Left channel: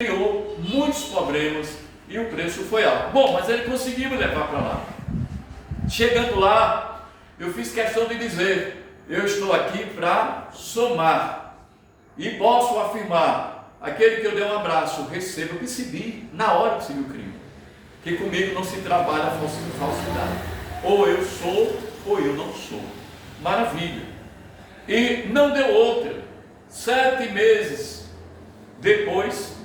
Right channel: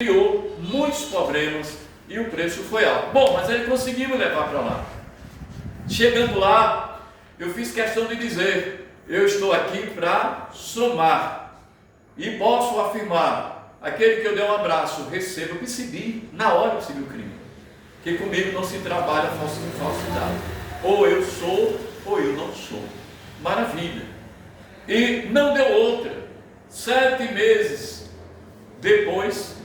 criou muitos problemas e o preço foi alto. Bom, mas ele conseguiu me levar para lá. Chegando lá, eu fiz questão de dizer: eu estou aqui para somar, e posso afirmar, aquele que eu dei um abraço, recebo, eu percebi, na hora eu percebi o crime, que comigo não se trabalha falsidade, ou eu sou, ou eu não sou. Maravilha. E não deu outra. 7 meses depois,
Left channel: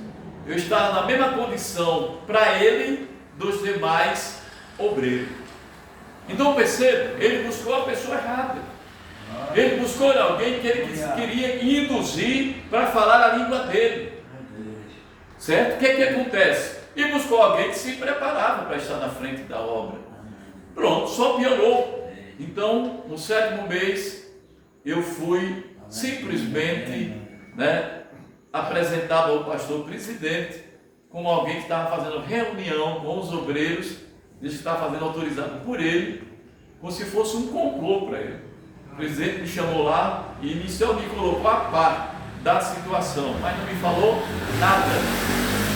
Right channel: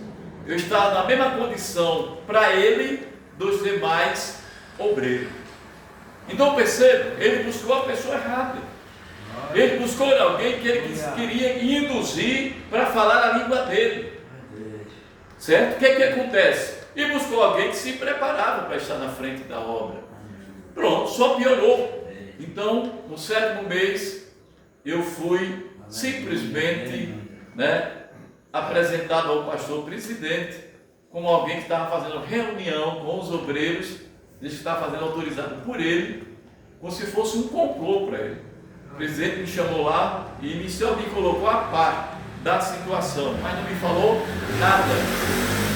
eu estava na mesma condição para ele dos demais obreiros. Então perceba, ele buscou a pessoa errada. Ele buscou alguém que ele queria induzir para falar a língua dele. Certo? O que é que acontece? E buscou alguém que se preparava para estar na frente da obra. Pronto, só piorou. Então, no 7º mês, eu fui simplesmente, apresentado ao pastor presidente como alguém que estava fazendo reunião com os obreiros, ele estava fazendo autorizado por ele, como se fosse um complô para ele. O presidente me chamou lá e iniciou, me colocou a par da situação, mas não me falou nada,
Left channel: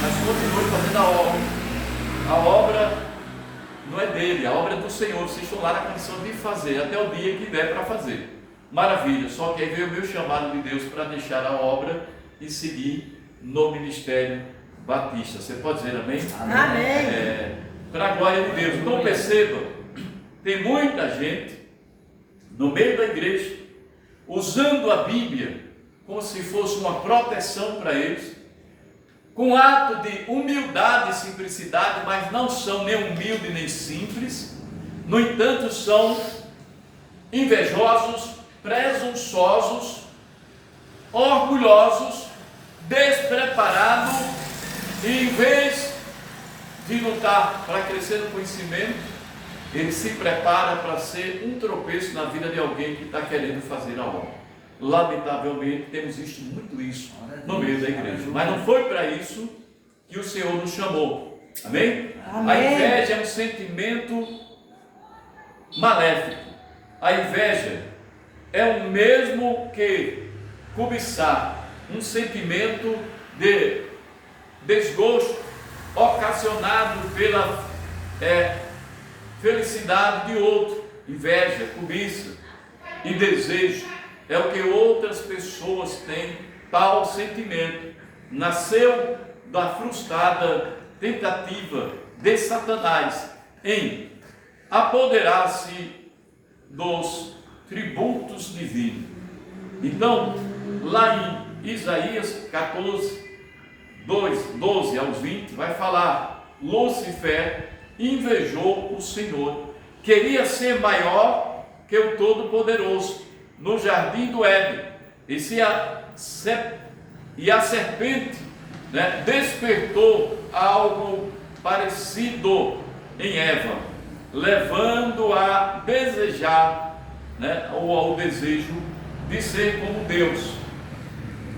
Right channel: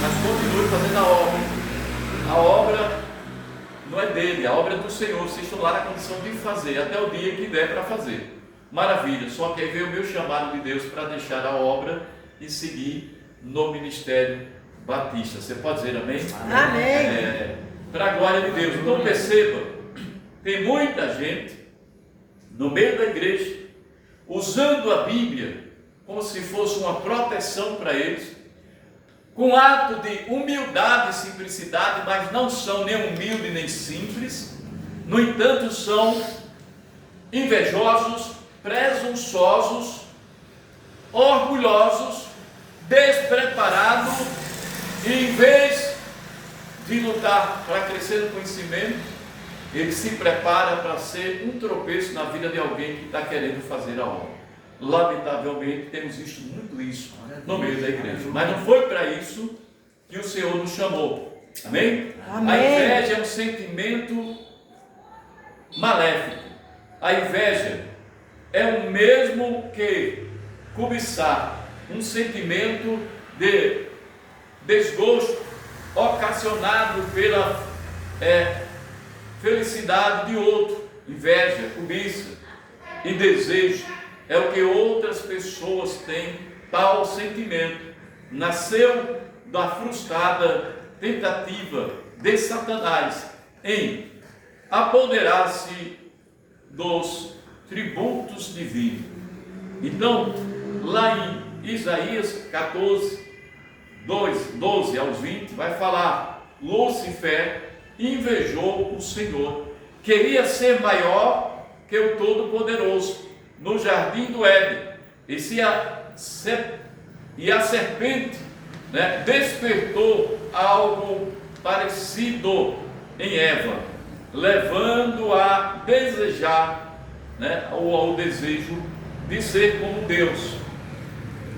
mas continuei fazendo a obra. A obra não é dele, a obra é do Senhor. Vocês estão lá na condição de fazer até o dia que der para fazer. Maravilha, só que aí veio o meu chamado de Deus para deixar a obra e seguir no ministério batista. Você pode dizer amém? Amém. Para a glória de Deus. Então perceba, tem muita gente no meio da igreja usando a Bíblia como se fosse uma proteção para eles, com ato de humildade e simplicidade, mas não são nem humildes nem simples. No entanto, são invejosos, presunçosos, orgulhosos, despreparados, e em vez de lutar para crescer no conhecimento, ele se prepara para ser um tropeço na vida de alguém que está querendo fazer a obra. Lamentavelmente, temos visto muito isso no meio da igreja, mas não foi para isso que o Senhor nos chamou. Amém? Amém. A inveja é um sentimento maléfico. A inveja é o mesmo que cobiçar, um sentimento de desgosto ocasionado pela felicidade de outro. Inveja, cobiça e desejo é o que outras pessoas têm. Tal sentimento nasceu da frustrada tentativa de Satanás em apoderar-se dos tributos divinos. Então, lá em Isaías 14, 12 aos 20, vai falar: Lúcifer invejou o Senhor, queria ser maior que o Todo-Poderoso no jardim do Éden, e a serpente despertou algo parecido em Eva, levando a desejar, o desejo de ser como Deus.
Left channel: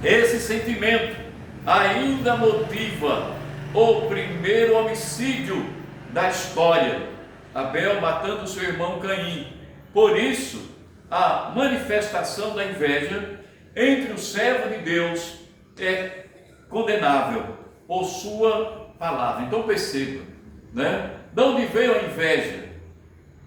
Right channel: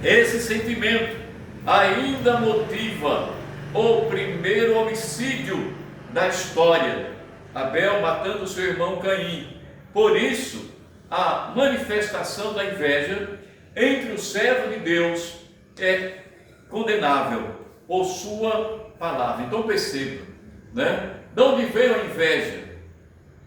Esse sentimento ainda motiva o primeiro homicídio da história, Abel matando seu irmão Caim. Por isso, a manifestação da inveja entre o servo de Deus é condenável por sua palavra. Então perceba, de onde veio a inveja?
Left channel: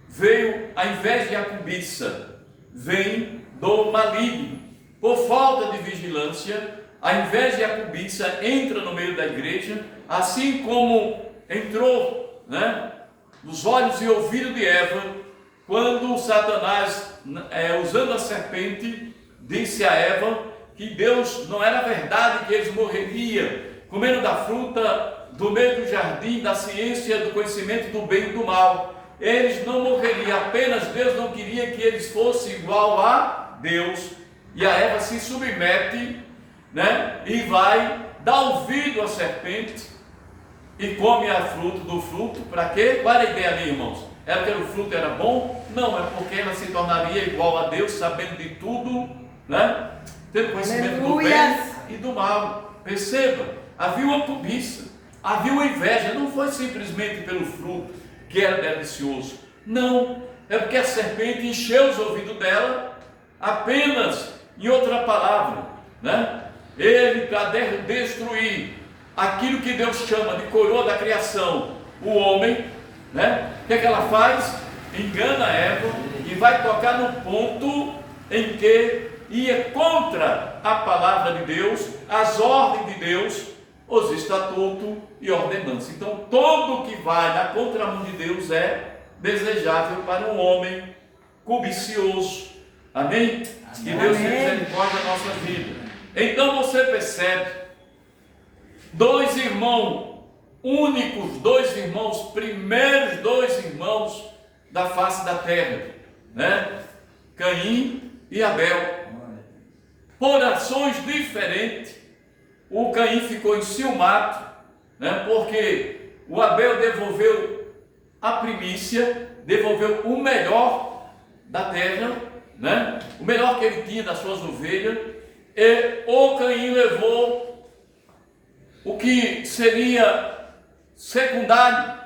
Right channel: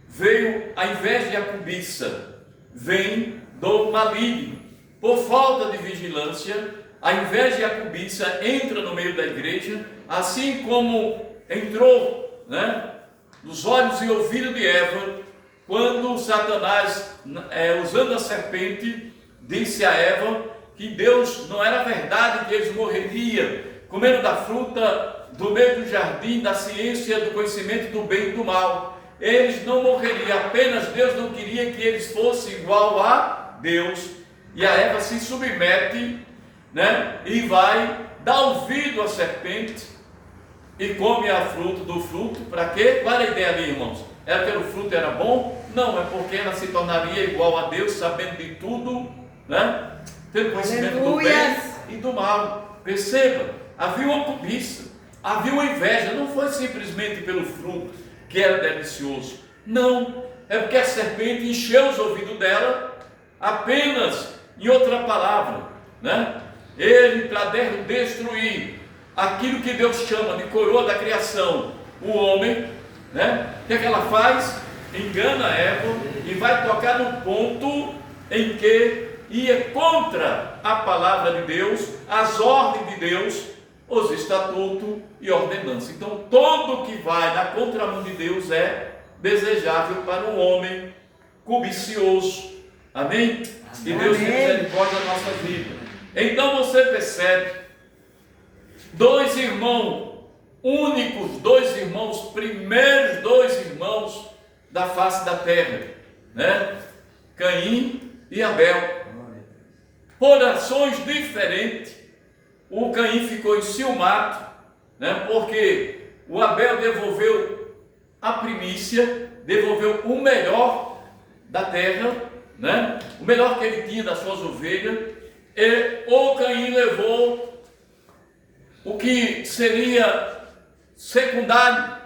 Veio a inveja e a cobiça, vem do maligno. Por falta de vigilância, a inveja e a cobiça entram no meio da igreja, assim como entrou nos olhos e ouvidos de Eva, quando Satanás, usando a serpente, disse a Eva que Deus, não era verdade que eles morreriam comendo da fruta do meio do jardim, da ciência, do conhecimento do bem e do mal. Eles não morreriam, apenas Deus não queria que eles fossem igual a Deus. E a Eva se submete, e vai dar ouvido à serpente e come a fruta do fruto. Para quê? Qual era a ideia ali, irmãos? Era que o fruto era bom? Não, é porque ela se tornaria igual a Deus, sabendo de tudo, tendo conhecimento do bem e do mal. Perceba, havia uma cobiça, havia uma inveja. Não foi simplesmente pelo fruto que era delicioso, não, é porque a serpente encheu os ouvidos dela. Apenas, em outra palavra, ele para destruir aquilo que Deus chama de coroa da criação, o homem, né? O que é que ela faz? Engana Eva e vai tocar no ponto em que ia contra a palavra de Deus, as ordens de Deus, os estatutos e ordenanças. Então, todo que vai na contramão de Deus é desejável para um homem cobicioso. Amém? Que Deus tenha misericórdia da nossa vida. Então você percebe, dois irmãos únicos, dois irmãos, primeiros dois irmãos da face da terra, né? Caim e Abel. Por ações diferentes, o Caim ficou enciumado, né? Porque o Abel devolveu a primícia, devolveu o melhor da terra, né? O melhor que ele tinha das suas ovelhas, e o Caim levou o que seria secundário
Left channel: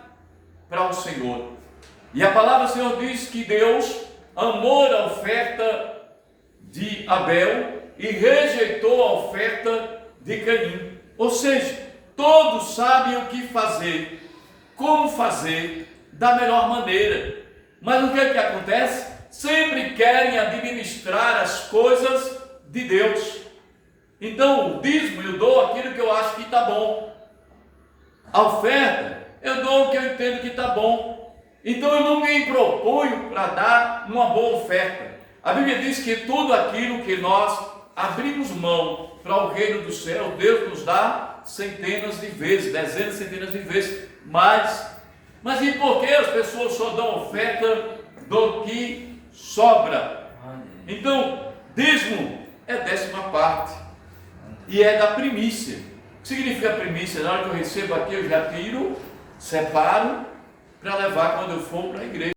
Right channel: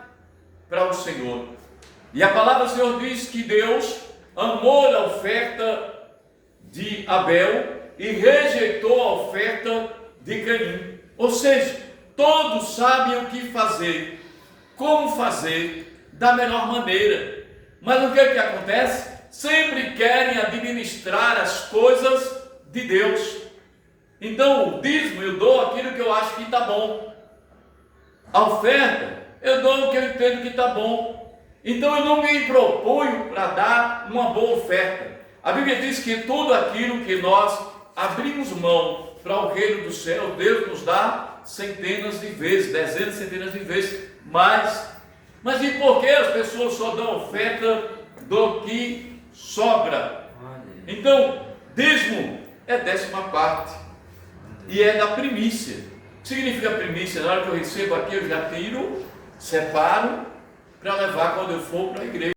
para o Senhor. E a palavra do Senhor diz que Deus amou a oferta de Abel e rejeitou a oferta de Caim. Ou seja, todos sabem o que fazer, como fazer da melhor maneira. Mas o que é que acontece? Sempre querem administrar as coisas de Deus. Então o dízimo eu dou aquilo que eu acho que está bom. A oferta eu dou o que eu entendo que está bom. Então eu não me proponho para dar uma boa oferta. A Bíblia diz que tudo aquilo que nós abrimos mão para o reino do céu, Deus nos dá centenas de vezes, dezenas, centenas de vezes mais. Mas e por que as pessoas só dão oferta do que sobra? Então, dízimo é 10ª e é da primícia. O que significa primícia? Na hora que eu recebo aqui, eu já tiro, separo para levar quando eu for para a igreja.